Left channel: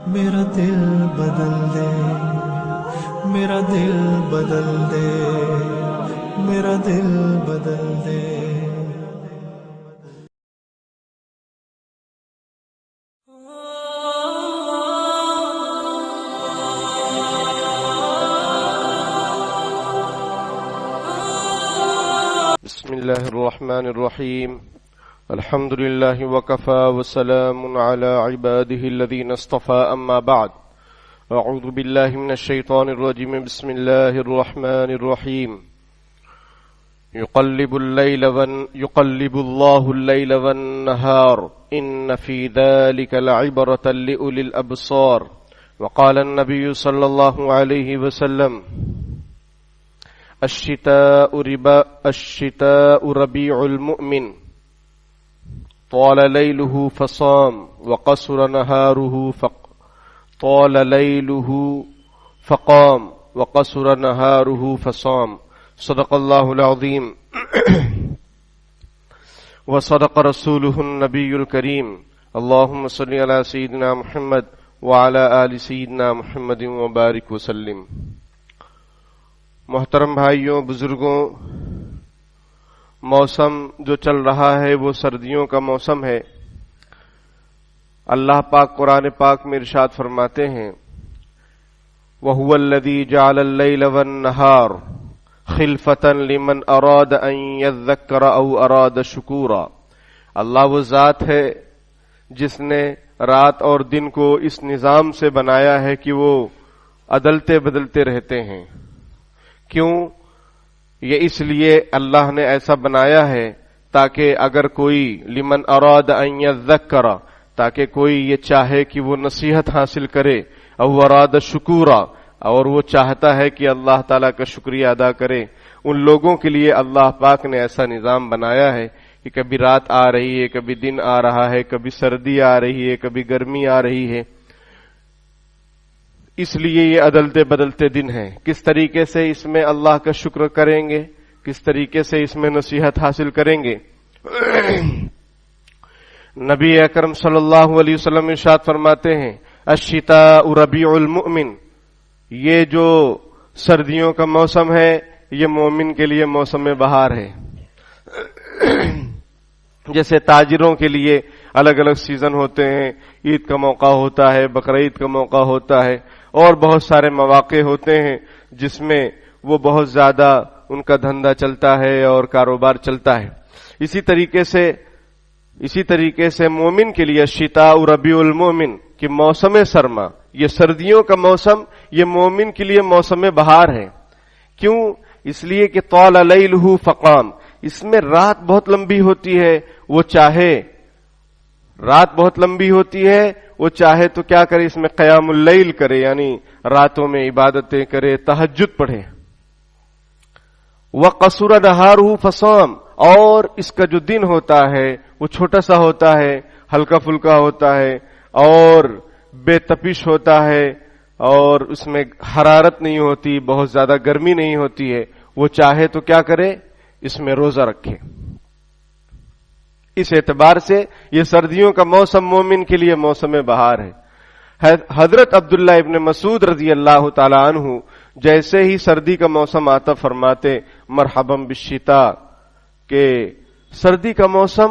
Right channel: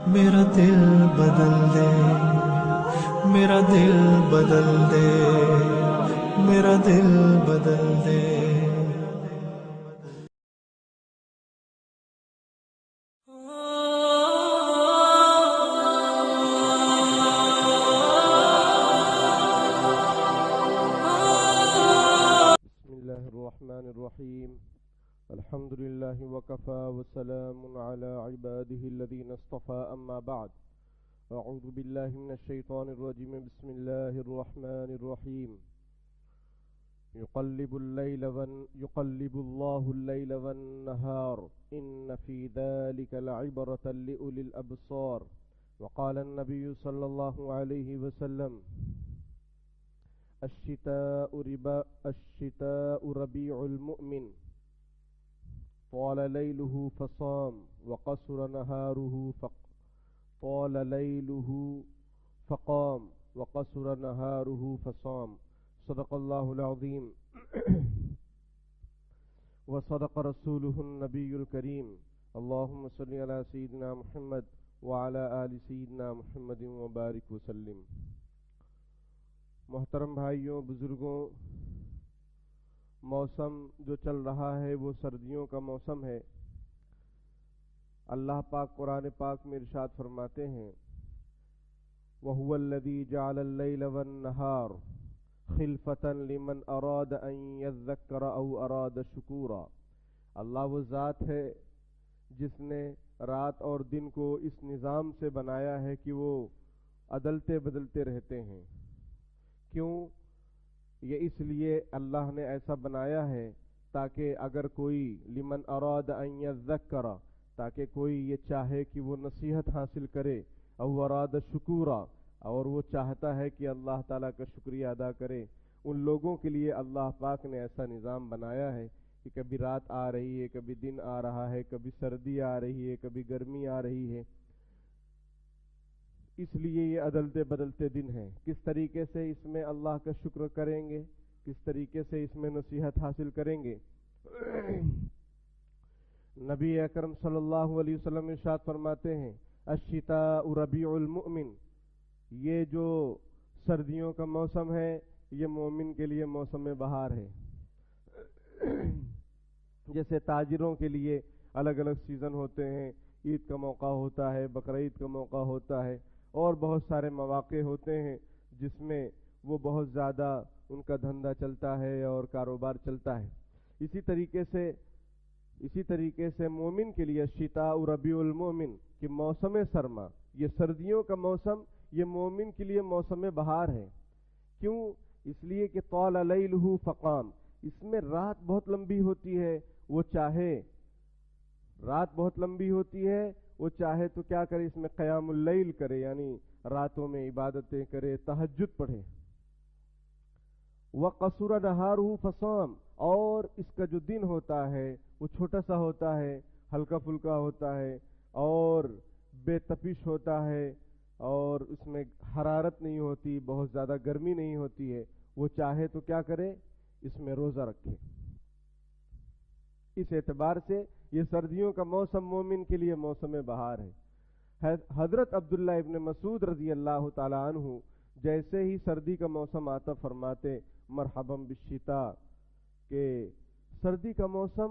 میرا دل بدل دے، میرا دل بدل دے، میرا دل بدل دے۔ بسم الله الرحمن الرحيم الحمد لله وكفى وسلام على عباده الذين اصطفى أما بعد أعوذ بالله من الشيطان الرجيم بسم الله الرحمن الرحيم يقلب الله الليل والنهار إن في ذلك لعبرة لأولي الأبصار وقال النبي صلى الله عليه وسلم الشتاء ربيع المؤمن طال ليله فصام وقصر نهاره طال ليله فقام وقصر نهاره فصام صدق الله العظيم وصدق رسوله النبي الكريم اللهم صل على سيدنا محمد وعلى آل سيدنا محمد وبارك وسلم۔ محترم بھائیوں، بزرگوں، موسم جو چل رہا ہے وہ سردیوں کا موسم ہے۔ اللہ پاک قرآن پاک میں ارشاد فرماتے ہیں وَهُوَ الَّذِي جَعَلَ اللَّيْلَ وَالنَّهَارَ خِلْفَةً لِمَنْ أَرَادَ أَنْ يَذَّكَّرَ أَوْ أَرَادَ شُكُورًا۔ اللہ وہ ذات ہے جس نے رات اور دن کو اس نظام سے بنایا ہے کہ وہ عدلتے بدلتے رہتے ہیں۔ کیوں؟ یہ اس لیے اللہ نے ایسا بنایا ہے تاکہ اگر کوئی لمن اراد ان یذکر، تاکہ کوئی یہ چاہے کہ وہ نصیحت حاصل کرے، او اراد شکورا، اور وہ چاہتا ہے کہ اللہ تعالیٰ کا شکریہ ادا کرے، ان لوگوں کے لیے اللہ پاک نے ایسا نظام بنایا ہے کہ کبھی رات آ رہی ہے، کبھی دن آ رہا ہے، کبھی سردی آ رہی ہے، کبھی گرمی آ رہی ہے۔ اس لیے یہ عدلتے بدلتے دن ہیں۔ کس طریقے سے اس میں اللہ کا شکر کریں گے، کس طریقے سے اس میں نصیحت حاصل کریں گے؟ نبی اکرم صلی اللہ علیہ وسلم ارشاد فرماتے ہیں الشتاء ربیع المؤمن، یہ جو سردیوں کا موسم ہے یہ مومن کے لیے موسم بہار ہے۔ جیسے تاجروں کے لیے الگ الگ سیزن ہوتے ہیں، عید کا موقع ہوتا ہے، بقرعید کا موقع ہوتا ہے، اور بہت سارے مواقع ہوتے ہیں جس میں وہ بہت زیادہ ان کا دھندا چلتا ہے اور کاروبار چلتا ہے۔ اسی طریقے سے مومن کے لیے الشتاء ربیع المؤمن کہ موسم سرما، یہ سردیوں کا موسم، یہ مومن کے لیے موسم بہار ہے۔ کیوں؟ اس لیے کہ طال لیلہ فقام، اس میں رات بہت لمبی ہوتی ہے، وہ چاہے رات بہت لمبی ہوتی ہے، وہ چاہے تو کیا کرے، اس میں قیام اللیل کرے، یعنی راتوں میں عبادتیں کرے، تہجد پڑھے۔ وَقَصُرَ نَهَارُهُ فَصَامَ، اور اس کا جو دن ہوتا ہے وہ چھوٹا سا ہوتا ہے، ہلکا پھلکا ہوتا ہے اور بے تپش ہوتا ہے، اور اس میں حرارت نہیں ہوتی، بہت زیادہ گرمی نہیں ہوتی ہے، وہ چاہے تو کیا کرے، اس میں روزہ رکھے۔ اس اعتبار سے یہ سردیوں کا موسم مومن کے لیے موسم بہار ہے۔ حضرت عبداللہ ابن مسعود رضی اللہ تعالی عنہ جیسے ہی سردی کا موسم آتا فرماتے مرحبا بالشتاء، کہ سردی کا موسم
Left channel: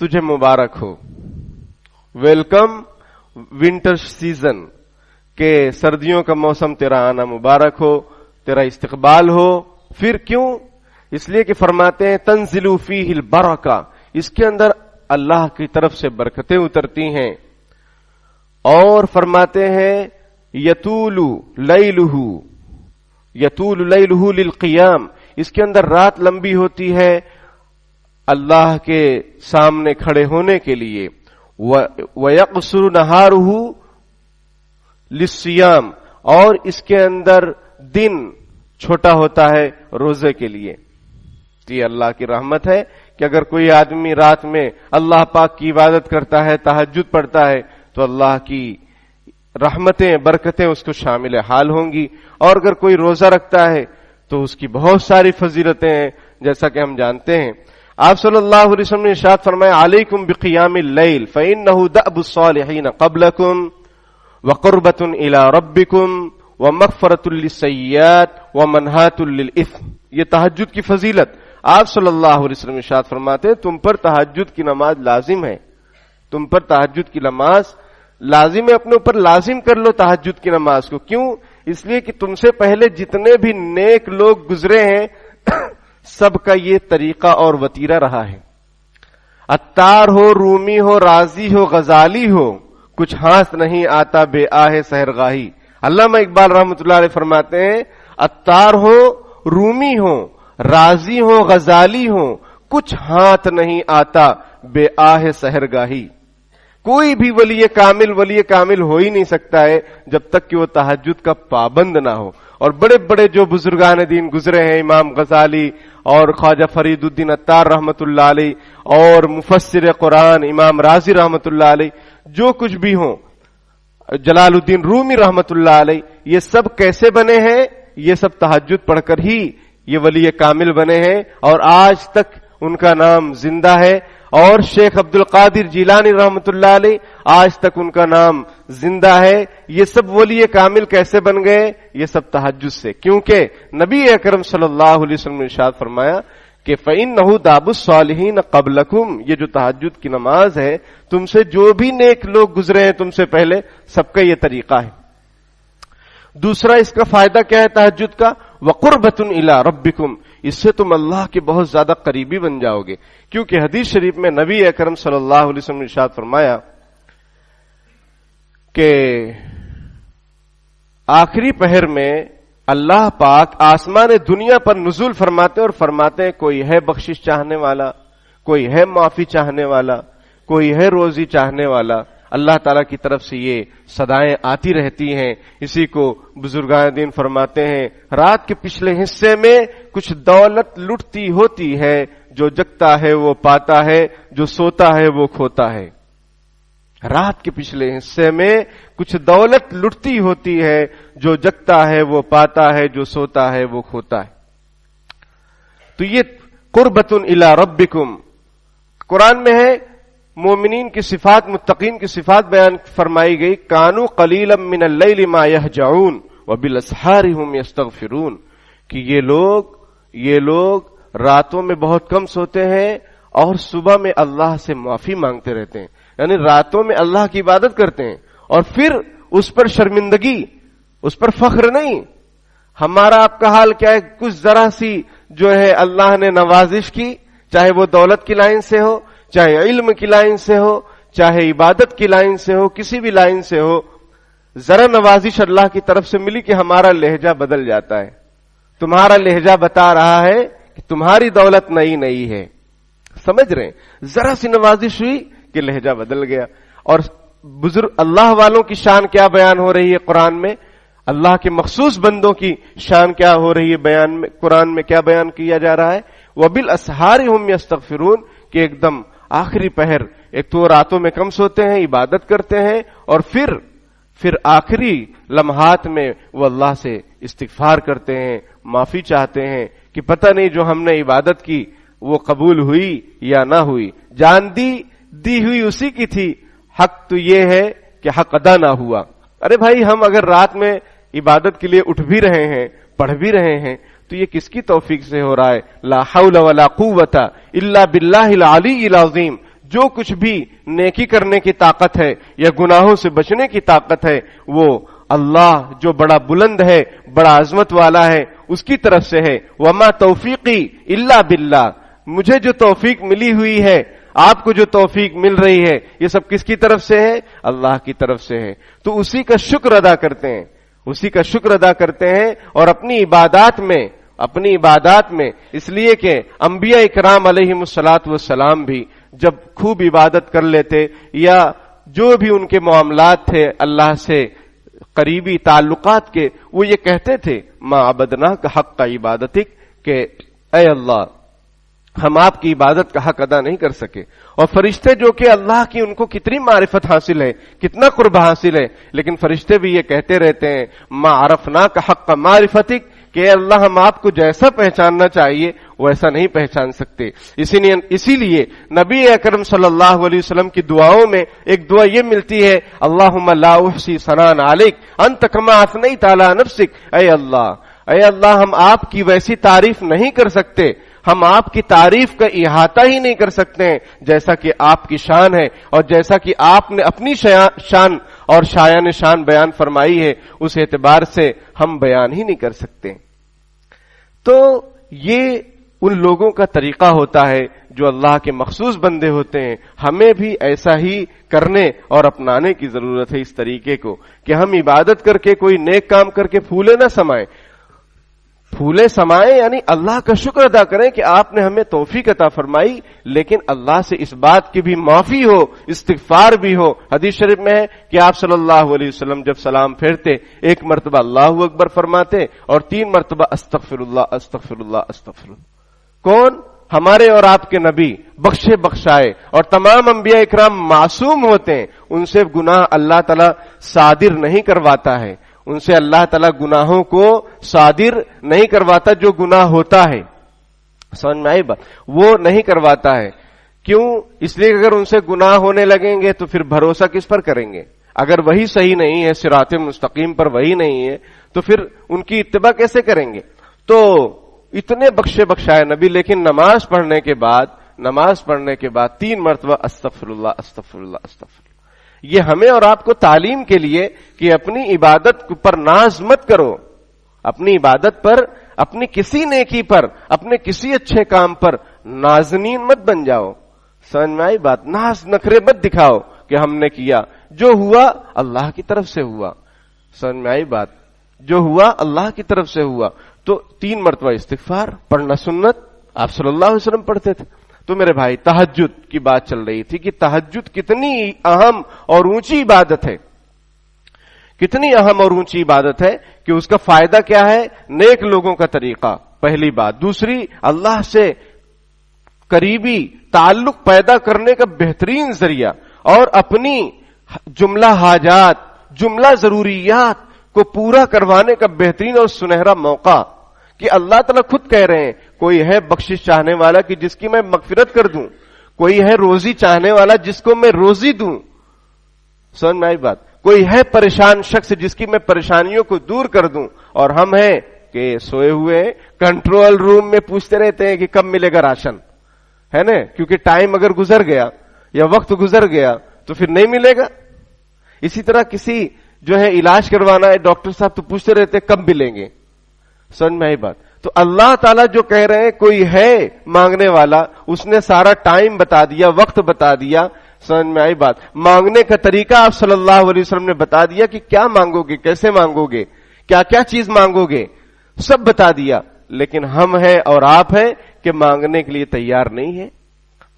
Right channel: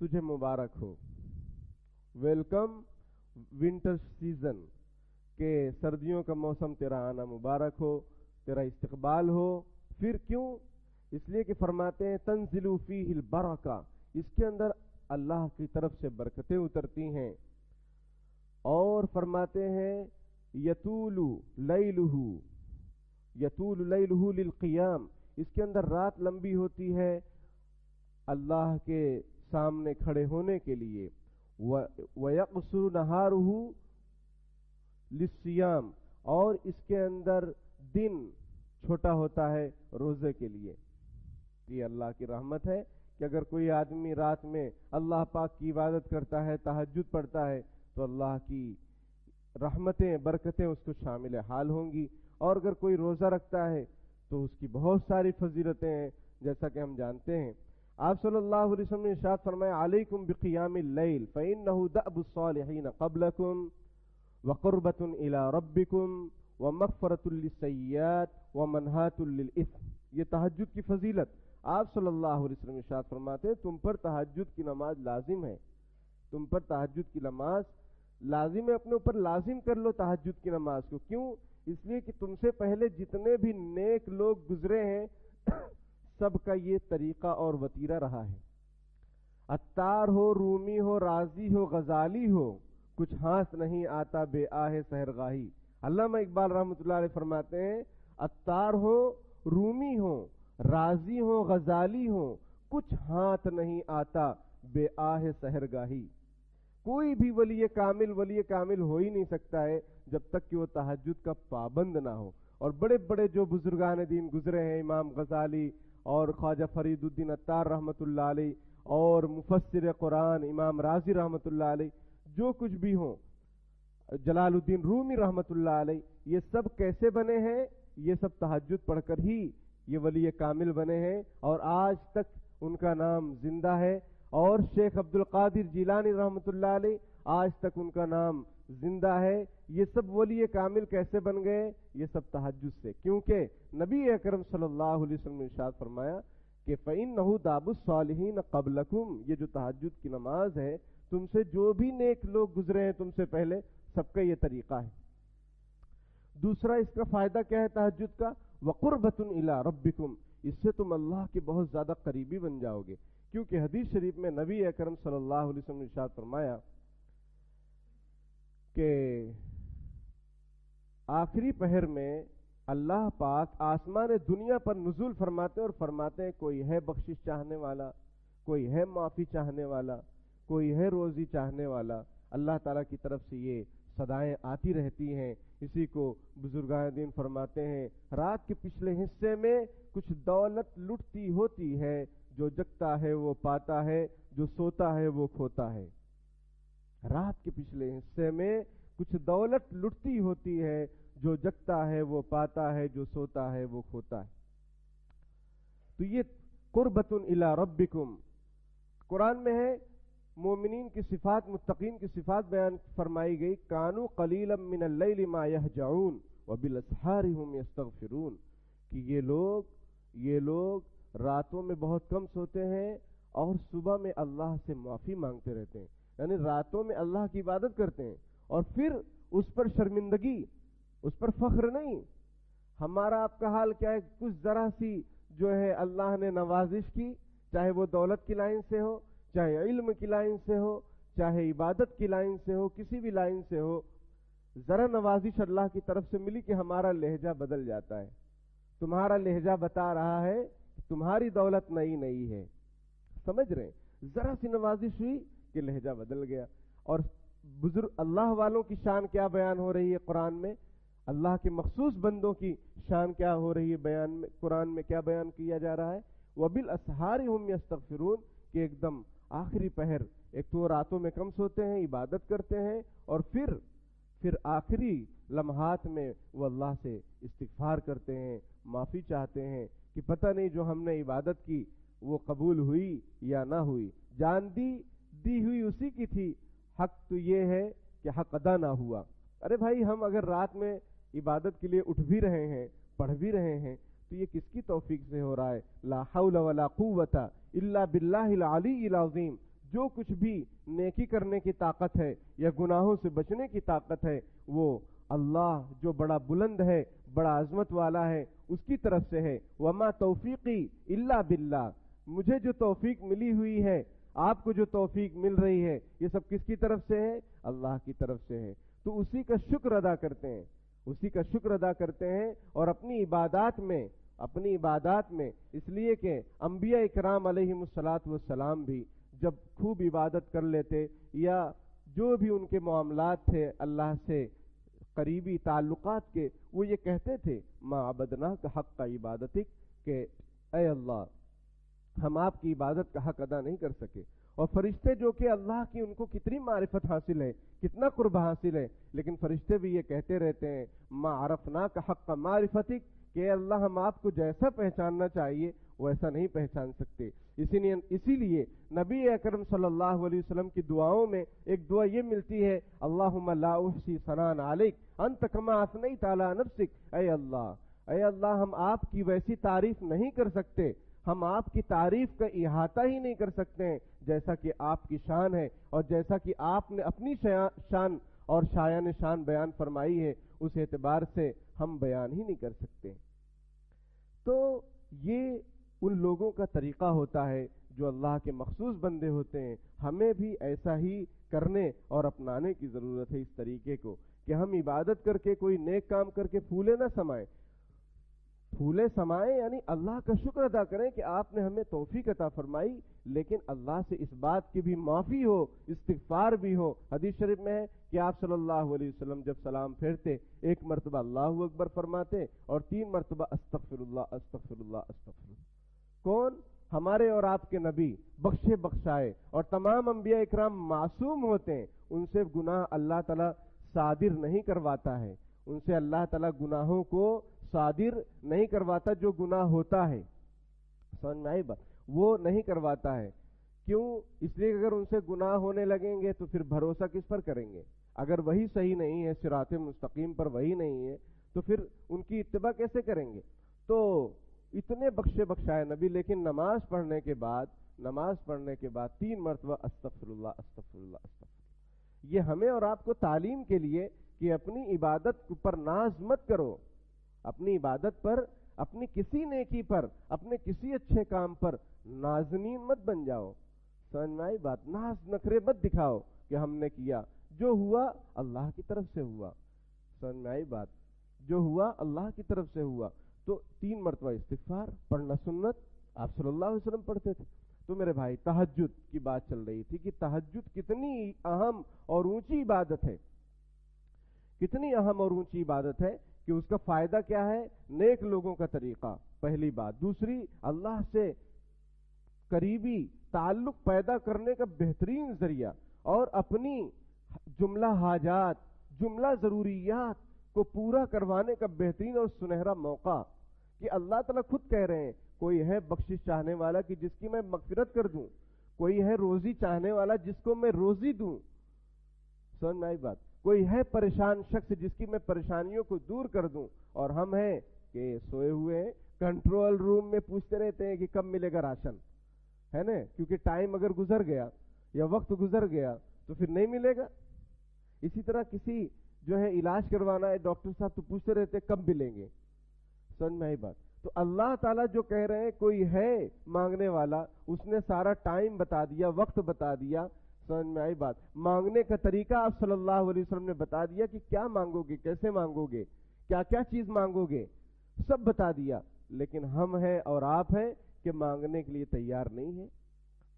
تجھے مبارک ہو، ویلکم ونٹر سیزن، کہ سردیوں کا موسم تیرا آنا مبارک ہو، تیرا استقبال ہو۔ پھر کیوں؟ اس لیے کہ فرماتے ہیں تنزل فیہ البرکہ، اس کے اندر اللہ کی طرف سے برکتیں اترتی ہیں، اور فرماتے ہیں یطول لیلہ للقیام، اس کے اندر رات لمبی ہوتی ہے اللہ کے سامنے کھڑے ہونے کے لیے۔ وَيَقْصُرُ نَهَارُهُ لِلصِّيَامِ، اور اس کے اندر دن چھوٹا ہوتا ہے روزے کے لیے۔ یہ اللہ کی رحمت ہے کہ اگر کوئی آدمی رات میں اللہ پاک کی عبادت کرتا ہے، تہجد پڑھتا ہے، تو اللہ کی رحمتیں، برکتیں اس کو شامل حال ہوں گی۔ اور اگر کوئی روزہ رکھتا ہے تو اس کی بہت ساری فضیلتیں ہیں، جیسا کہ ہم جانتے ہیں۔ آپ صلی اللہ علیہ وسلم نے ارشاد فرمایا علیکم بقیام اللیل فإنہ دأب الصالحین قبلکم وقربۃ الی ربکم ومغفرۃ للسیئات ومنہاۃ للإثم. یہ تہجد کی فضیلت آپ صلی اللہ علیہ وسلم ارشاد فرماتے ہیں تم پر تہجد کی نماز لازم ہے. تم پر تہجد کی نماز لازم ہے. اپنے اوپر لازم کر لو تہجد کی نماز کو. کیوں؟ اس لیے کہ تم سے پہلے جتنے بھی نیک لوگ گزرے ہیں سب کا یہ طریقہ اور وتیرہ رہا ہے. عطار ہو، رومی ہو، رازی ہو، غزالی ہو، کچھ ہاتھ نہیں آتا بے آہ سحرگاہی. علامہ اقبال رحمۃ اللہ علیہ فرماتے ہیں عطار ہو، رومی ہو، رازی ہو، غزالی ہو، کچھ ہاتھ نہیں آتا بے آہ سحرگاہی. کوئی بھی ولی کامل ہو ہی نہیں سکتا ہے جب تک کہ وہ تہجد کا پابند نہ ہو. اور بڑے بڑے جو بزرگان دین گزرے ہیں، امام غزالی اور خواجہ فرید الدین عطار رحمۃ اللہ علیہ اور مفسر قرآن امام رازی رحمۃ اللہ علیہ، جو کچھ بھی ہوں، جلال الدین رومی رحمۃ اللہ علیہ، یہ سب کیسے بنے ہیں؟ یہ سب تہجد پڑھ کر ہی یہ ولی کامل بنے ہیں اور آج تک ان کا نام زندہ ہے. اور شیخ عبد القادر جیلانی رحمۃ اللہ علیہ، آج تک ان کا نام زندہ ہے. یہ سب ولی کامل کیسے بن گئے؟ یہ سب تہجد سے. کیونکہ نبی اکرم صلی اللہ علیہ وسلم نے ارشاد فرمایا کہ فَإِنَّهُ دَابُ الصَّالِحِينَ قَبْلَكُمْ. یہ جو تہجد کی نماز ہے، تم سے جو بھی نیک لوگ گزرے ہیں تم سے پہلے، سب کا یہ طریقہ ہے. دوسرا اس کا فائدہ کیا ہے تہجد کا؟ وَقُرْبَةٌ إِلَىٰ رَبِّكُمْ. اس سے تم اللہ کے بہت زیادہ قریبی بن جاؤ گے. کیونکہ حدیث شریف میں نبی اکرم صلی اللہ علیہ وسلم نے ارشاد فرمایا کہ آخری پہر میں اللہ پاک آسمان دنیا پر نزول فرماتے اور فرماتے ہیں کوئی ہے بخشش چاہنے والا، کوئی ہے معافی چاہنے والا، کوئی ہے روزی چاہنے والا. اللہ تعالیٰ کی طرف سے یہ صدائیں آتی رہتی ہیں. اسی کو بزرگان دین فرماتے ہیں رات کے پچھلے حصے میں کچھ دولت لٹتی ہوتی ہے، جو جگتا ہے وہ پاتا ہے، جو سوتا ہے وہ کھوتا ہے. رات کے پچھلے حصے میں کچھ دولت لٹتی ہوتی ہے، جو جگتا ہے وہ پاتا ہے، جو سوتا ہے وہ کھوتا ہے. تو یہ قربۃ الی ربکم قرآن میں ہے. مومنین کی صفات، متقین کی صفات بیان فرمائی گئی. کانوا قلیلا من اللیل ما یہجعون وبالاسحار هم یستغفرون. کہ یہ لوگ راتوں میں بہت کم سوتے ہیں اور صبح میں اللہ سے معافی مانگتے رہتے ہیں. یعنی راتوں میں اللہ کی عبادت کرتے ہیں اور پھر اس پر شرمندگی، اس پر فخر نہیں. ہمارا آپ کا حال کیا ہے؟ کچھ ذرا سی جو ہے اللہ نے نوازش کی، چاہے وہ دولت کی لائن سے ہو، چاہے علم کی لائن سے ہو، چاہے عبادت کی لائن سے ہو، کسی بھی لائن سے ہو، ذرا نوازش اللہ کی طرف سے ملی کہ ہمارا لہجہ بدل جاتا ہے. تمہارا لہجہ بتا رہا ہے کہ تمہاری دولت نئی ہے. سمجھ رہے ہیں؟ ذرا سی نوازش ہوئی کہ لہجہ بدل گیا. اور بزرگ اللہ والوں کی شان کیا بیان ہو رہی ہے قرآن میں؟ اللہ کے مخصوص بندوں کی شان کیا ہو رہی ہے بیان میں؟ قرآن میں کیا بیان کیا جا رہا ہے؟ وَبِالْأَسْحَارِ هُمْ يَسْتَغْفِرُونَ. کہ ایک دم آخری پہر، ایک تو راتوں میں کم سوتے ہیں، عبادت کرتے ہیں، اور پھر آخری لمحات میں وہ اللہ سے استغفار کرتے ہیں، معافی چاہتے ہیں کہ پتہ نہیں جو ہم نے عبادت کی وہ قبول ہوئی یا نہ ہوئی. جان دی ہوئی اسی کی تھی، حق تو یہ ہے کہ حق ادا نہ ہوا. ارے بھائی، ہم اگر رات میں عبادت کے لیے اٹھ بھی رہے ہیں، پڑھ بھی رہے ہیں، تو یہ کس کی توفیق سے ہو رہا ہے؟ لا حول ولا قوت الا باللہ العلی العظیم. جو کچھ بھی نیکی کرنے کی طاقت ہے یا گناہوں سے بچنے کی طاقت ہے، وہ اللہ جو بڑا بلند ہے، بڑا عظمت والا ہے، اس کی طرف سے ہے. وما توفیقی الا باللہ. مجھے جو توفیق ملی ہوئی ہے، آپ کو جو توفیق مل رہی ہے، یہ سب کس کی طرف سے ہے؟ اللہ کی طرف سے ہے. تو اسی کا شکر ادا کرتے ہیں اور اپنی عبادات میں اس لیے کہ انبیاء اکرام علیہم الصلاۃ والسلام بھی جب خوب عبادت کر لیتے یا جو بھی ان کے معاملات تھے اللہ سے قریبی تعلقات کے، وہ یہ کہتے تھے ما عبدناک حق عبادتک، کہ اے اللہ ہم آپ کی عبادت کا حق ادا نہیں کر سکے. اور فرشتے جو کہ اللہ کی ان کو کتنی معرفت حاصل ہے، کتنا قرب حاصل ہے، لیکن فرشتے بھی یہ کہتے رہتے ہیں ما عرفناک حق معرفتک، کہ اللہ ہم آپ کو جیسا پہچاننا چاہیے وہ ایسا نہیں پہچان سکتے. اسی لیے نبی اکرم صلی اللہ علیہ وسلم کی دعاؤں میں ایک دعا یہ ملتی ہے, اللہم لا احصی ثناء علیک انت کما اثنیت علی نفسک. اے اللہ ہم آپ کی ویسی تعریف نہیں کر سکتے, ہم آپ کی تعریف کا احاطہ ہی نہیں کر سکتے ہیں جیسا کہ آپ کی شان ہے, اور جیسا کہ آپ نے اپنی شان اور شایان شان بیان فرمائی ہے, اس اعتبار سے ہم بیان ہی نہیں کر سکتے. تو یہ ان لوگوں کا طریقہ ہوتا ہے جو اللہ کے مخصوص بندے ہوتے ہیں. ہمیں بھی ایسا ہی کرنے اور اپنانے کی ضرورت ہے اس طریقے کو کہ ہم عبادت کر کے کوئی نیک کام کر کے پھولے نہ سمائیں. پھولے سمائیں یعنی اللہ کا شکر ادا کریں کہ آپ نے ہمیں توفیق عطا فرمائی, لیکن اللہ سے اس بات کی بھی معافی ہو, استغفار بھی ہو. حدیث شریف میں ہے کہ آپ صلی اللہ علیہ وسلم جب سلام پھیرتے ایک مرتبہ اللہ اکبر فرماتے اور 3 مرتبہ استغفر اللہ استغفر اللہ استغفر اللہ. کون؟ ہمارے اور آپ کے نبی بخشے بخشائے, اور تمام انبیاء اکرام معصوم ہوتے ہیں, ان سے گناہ اللہ تعالی صادر نہیں کرواتا ہے, ان سے اللہ تعالیٰ گناہوں کو صادر نہیں کرواتا. جو گناہ ہوتا ہے, سمجھ میں آئی بات, وہ نہیں کرواتا ہے. کیوں؟ اس لیے اگر ان سے گناہ ہونے لگیں گے تو پھر بھروسہ کس پر کریں گے؟ اگر وہی صحیح نہیں ہے, صراط مستقیم پر وہی نہیں ہے, تو پھر ان کی اتباع کیسے کریں گے؟ تو اتنے بخشے بخشائے نبی, لیکن نماز پڑھنے کے بعد 3 مرتبہ استغفر اللہ استغفر اللہ استغفر اللہ. یہ ہمیں اور آپ کو تعلیم کے لیے کہ اپنی عبادت پر ناز مت کرو, اپنی عبادت پر, اپنی کسی نیکی پر, اپنے کسی اچھے کام پر نازنین مت بن جاؤ. سمجھ میں آئی بات؟ ناز نخرے مت دکھاؤ کہ ہم نے کیا, جو ہوا اللہ کی طرف سے ہوا. سمجھ میں آئی بات؟ جو ہوا اللہ کی طرف سے ہوا. تو 3 مرتبہ استغفار پڑھنا سنت, آپ صلی اللہ علیہ وسلم پڑھتے تھے. تو میرے بھائی تہجد کی بات چل رہی تھی کہ تہجد کتنی اہم اور اونچی عبادت ہے, کتنی اہم اور اونچی عبادت ہے کہ اس کا فائدہ کیا ہے؟ نیک لوگوں کا طریقہ, پہلی بات. دوسری, اللہ سے قریبی تعلق پیدا کرنے کا بہترین ذریعہ, اور اپنی جملہ حاجات, جملہ ضروریات کو پورا کروانے کا بہترین اور سنہرا موقع کہ اللہ تعالیٰ خود کہہ رہے ہیں کوئی ہے بخشش چاہنے والا کہ جس کی میں مغفرت کر دوں, کوئی ہے روزی چاہنے والا جس کو میں روزی دوں. سمجھ میں آئی بات؟ کوئی ہے پریشان شخص جس کی میں پریشانیوں کو دور کر دوں, اور ہم ہیں کہ سوئے ہوئے کنٹرول روم میں پوچھتے رہتے ہیں کہ کب ملے گا راشن, ہے نا, کیونکہ ٹائم اگر گزر گیا یا وقت گزر گیا تو پھر نہیں ملے گا. اسی طرح کسی جو ہے علاج کروانا ہے, ڈاکٹر صاحب تو پوچھتے رہتے ہیں کب ملیں گے. سمجھ میں آئی بات؟ تو اللہ تعالیٰ جو کہہ رہے ہیں کوئی ہے مانگنے والا, اس نے سارا ٹائم بتا دیا, وقت بتا دیا. سمجھ میں آئی بات؟ مانگنے کا طریقہ آپ صلی اللہ علیہ وسلم نے بتا دیا کہ کیا مانگو گے, کیسے مانگو گے, کیا کیا چیز مانگو گے, سب بتا دیا. لیکن ہم ہیں اور آپ ہیں کہ مانگنے کے لیے تیار نہیں ہے,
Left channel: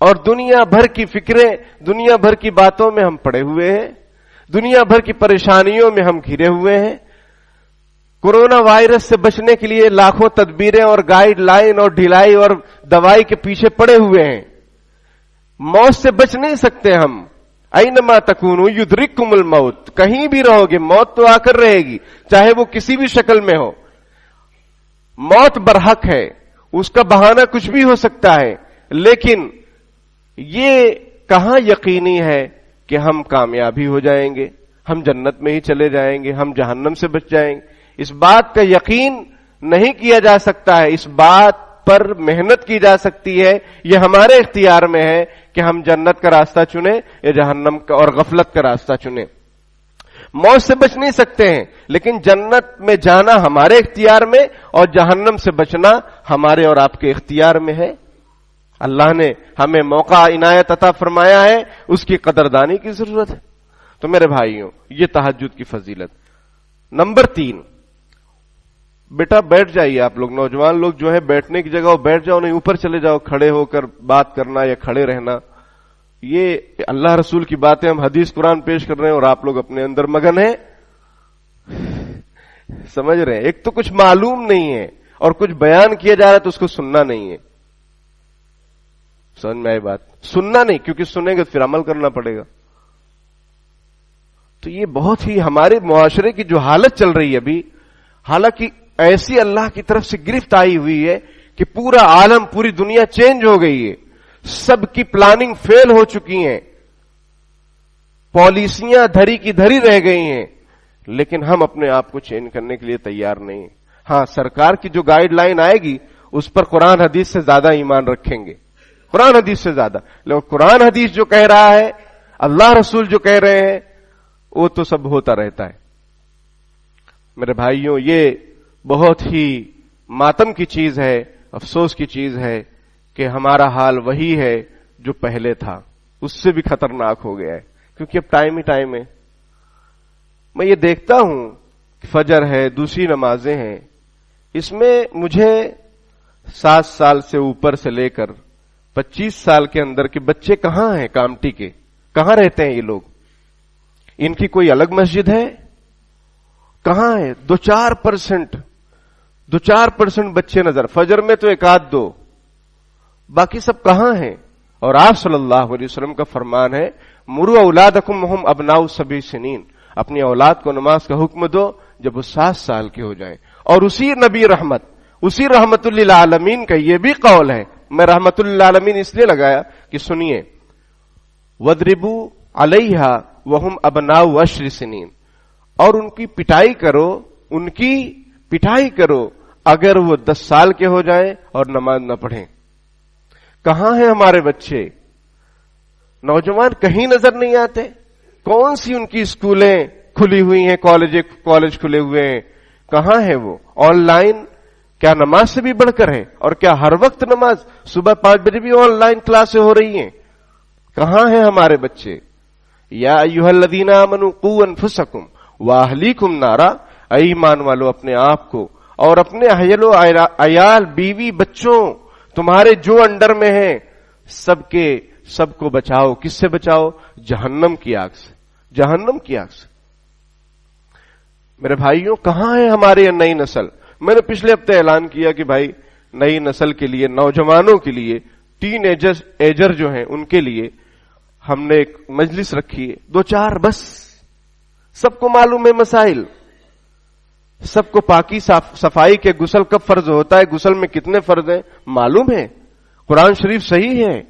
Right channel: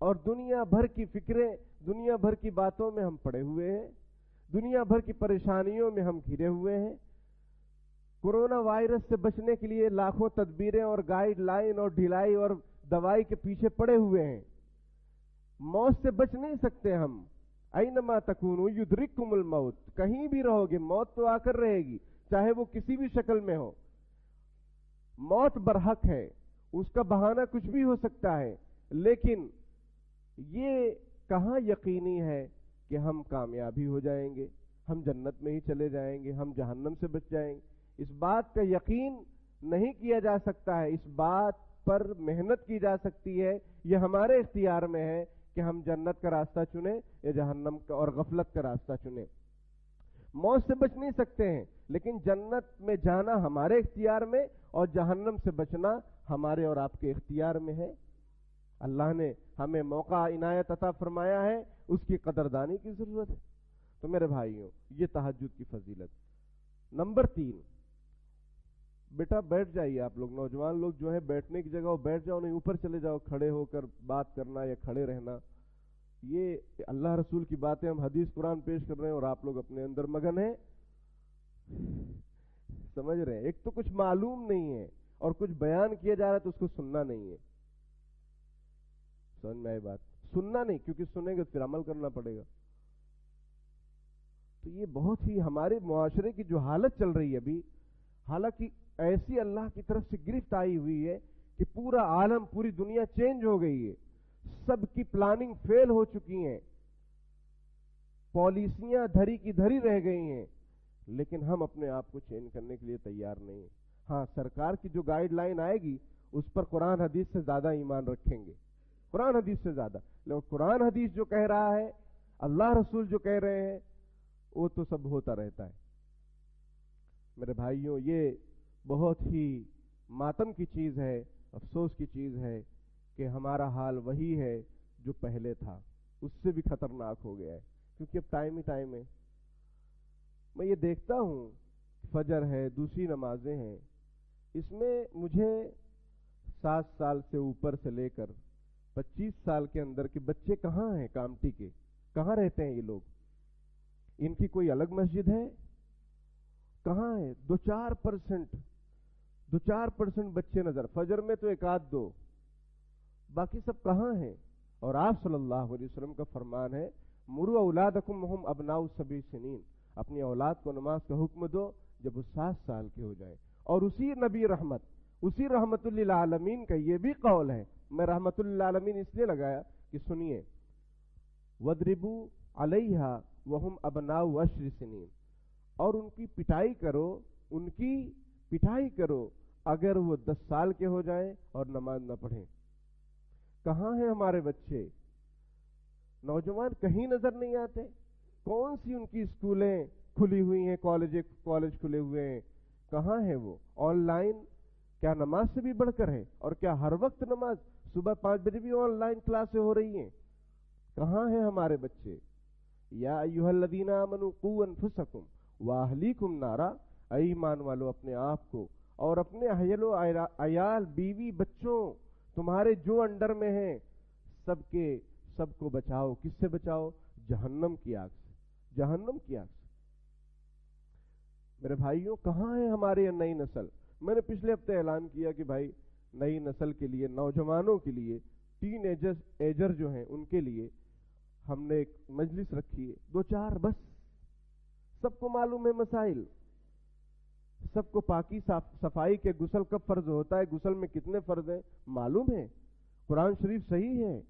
اور دنیا بھر کی فکریں, دنیا بھر کی باتوں میں ہم پڑے ہوئے ہیں, دنیا بھر کی پریشانیوں میں ہم گھرے ہوئے ہیں. کورونا وائرس سے بچنے کے لیے لاکھوں تدبیریں اور گائیڈ لائن اور ڈھلائی اور دوائی کے پیچھے پڑے ہوئے ہیں. موت سے بچ نہیں سکتے ہم. اینما تکونوا یدرککم الموت, کہیں بھی رہو گے موت تو آ کر رہے گی, چاہے وہ کسی بھی شکل میں ہو. موت برحق ہے, اس کا بہانہ کچھ بھی ہو سکتا ہے, لیکن یہ کہاں یقینی ہے کہ ہم کامیابی ہو جائیں گے, ہم جنت میں ہی چلے جائیں گے, ہم جہنم سے بچ جائیں گے. اس بات کا یقین نہیں کیا جا سکتا ہے, اس بات پر محنت کی جا سکتی ہے, یہ ہمارے اختیار میں ہے کہ ہم جنت کا راستہ چنیں یا جہنم کا اور غفلت کا راستہ چنیں. موت سے بچ نہیں سکتے ہیں, لیکن جنت میں جانا ہمارے اختیار میں اور جہنم سے بچنا ہمارے اور آپ کے اختیار میں ہے. اللہ نے ہمیں موقع عنایت عطا فرمایا ہے, اس کی قدردانی کی ضرورت ہے. تو میرے بھائیوں, یہ تہجد کی فضیلت. نمبر 3, بیٹا بیٹھ جائیے. آپ لوگ نوجوان لوگ جو ہے بیٹھنے کی جگہ بیٹھ جاؤ, نہیں اوپر چلے جاؤ. کھڑے ہو کر بات کرنا یا کھڑے رہنا, یہ اللہ رسول کی باتیں ہم حدیث قرآن پیش کر رہے ہیں اور آپ لوگ اپنے اندر مگن ہیں. سمجھ رہے ہیں؟ ایک تو کچھ معلوم نہیں ہے اور کچھ بیان کیا جا رہا ہے تو اس کو سننا نہیں ہے. سمجھ میں آئی بات؟ سننا نہیں, کیونکہ سنیں گے پھر عمل کرنا پڑے گا. تو یہ بہت ہی ہمارے معاشرے کی جو حالت چل رہی ہے ابھی, حالانکہ ایسی اللہ کی طرف سے گرفت آئی ہوئی ہے کہ پورا عالم, پوری دنیا چینج ہو گئی ہے, سب کی پلاننگ فیل ہو چکی ہیں, پالیسیاں دھری کی دھری رہ گئی ہیں, لیکن ہم اپنے آپ کو چینج کرنے کے لیے تیار نہیں. ہاں, سرکار کی جو گائیڈ لائن آئے گی اس پر قرآن حدیث سے زیادہ ایمان رکھیں گے, قرآن حدیث سے زیادہ. لیکن قرآن حدیث جو کہہ رہا ہے, اللہ رسول جو کہہ رہے ہیں, وہ تو سب ہوتا رہتا ہے. میرے بھائیوں, یہ بہت ہی ماتم کی چیز ہے, افسوس کی چیز ہے کہ ہمارا حال وہی ہے جو پہلے تھا, اس سے بھی خطرناک ہو گیا ہے, کیونکہ اب ٹائم ہی ٹائم ہے. میں یہ دیکھتا ہوں کہ فجر ہے, دوسری نمازیں ہیں, اس میں مجھے 7 سال سے اوپر سے لے کر 25 سال کے اندر کے بچے کہاں ہیں, کامٹی کے کہاں رہتے ہیں یہ لوگ, ان کی کوئی الگ مسجد ہے, کہاں ہے؟ 2-4% بچے نظر, فجر میں تو 1-2, باقی سب کہاں ہیں؟ اور آپ صلی اللہ علیہ وسلم کا فرمان ہے, مروا اولادکم وہم ابناء 7 سنین, اپنی اولاد کو نماز کا حکم دو جب وہ 7 سال کے ہو جائیں. اور اسی نبی رحمت, اسی رحمت للعالمین کا یہ بھی قول ہے, میں رحمت للعالمین اس لیے لگایا کہ سنیے, وَضْرِبُوا عَلَيْهَا وَهُمْ أَبْنَاءُ 10 سنین, اور ان کی پٹائی کرو, ان کی پٹائی کرو اگر وہ 10 سال کے ہو جائیں اور نماز نہ پڑھیں. کہاں ہیں ہمارے بچے؟ نوجوان کہیں نظر نہیں آتے. کون سی ان کی اسکولیں کھلی ہوئی ہیں, کالج کھلے ہوئے ہیں, کہاں ہے وہ؟ آن لائن کیا نماز سے بھی بڑھ کر ہے؟ اور کیا ہر وقت نماز صبح 5 بجے بھی آن لائن کلاسیں ہو رہی ہیں؟ کہاں ہیں ہمارے بچے؟ یا ایھا الذین آمنوا قوا انفسکم واہلیکم نارا, اے ایمان والو اپنے آپ کو اور اپنے اہل و عیال, بیوی, بچوں تمہارے جو انڈر میں ہیں سب کو بچاؤ. کس سے بچاؤ؟ جہنم کی آگ سے, جہنم کی آگ سے. میرے بھائیوں, کہاں ہے ہماری یہ نئی نسل؟ میں نے پچھلے ہفتے اعلان کیا کہ بھائی نئی نسل کے لیے, نوجوانوں کے لیے, ٹین ایجر جو ہیں ان کے لیے ہم نے ایک مجلس رکھی ہے, 2-4 بس. سب کو معلوم ہے مسائل, سب کو پاکی صفائی کے غسل کب فرض ہوتا ہے, غسل میں کتنے فرض ہیں معلوم ہے, قرآن شریف صحیح ہے.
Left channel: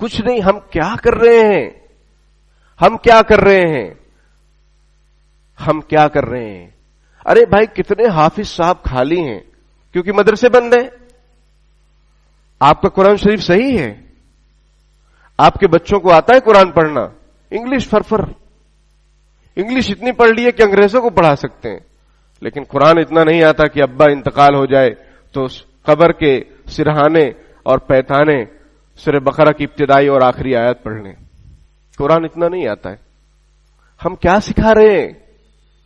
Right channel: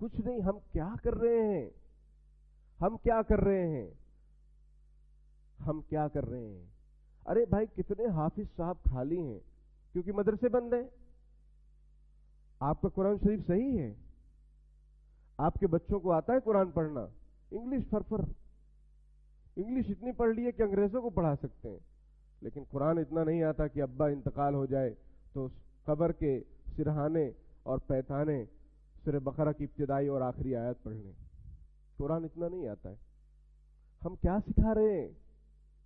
کچھ نہیں, ہم کیا کر رہے ہیں, ہم کیا کر رہے ہیں, ہم کیا کر رہے ہیں؟ ارے بھائی کتنے حافظ صاحب خالی ہیں کیونکہ مدرسے بند ہیں. آپ کا قرآن شریف صحیح ہے, آپ کے بچوں کو آتا ہے قرآن پڑھنا؟ انگلش فرفر, انگلش اتنی پڑھ لی ہے کہ انگریزوں کو پڑھا سکتے ہیں, لیکن قرآن اتنا نہیں آتا کہ ابا انتقال ہو جائے تو قبر کے سرہانے اور پیتانے سورہ بقرہ کی ابتدائی اور آخری آیات پڑھ لیں. قرآن اتنا نہیں آتا ہے. ہم کیا سکھا رہے ہیں,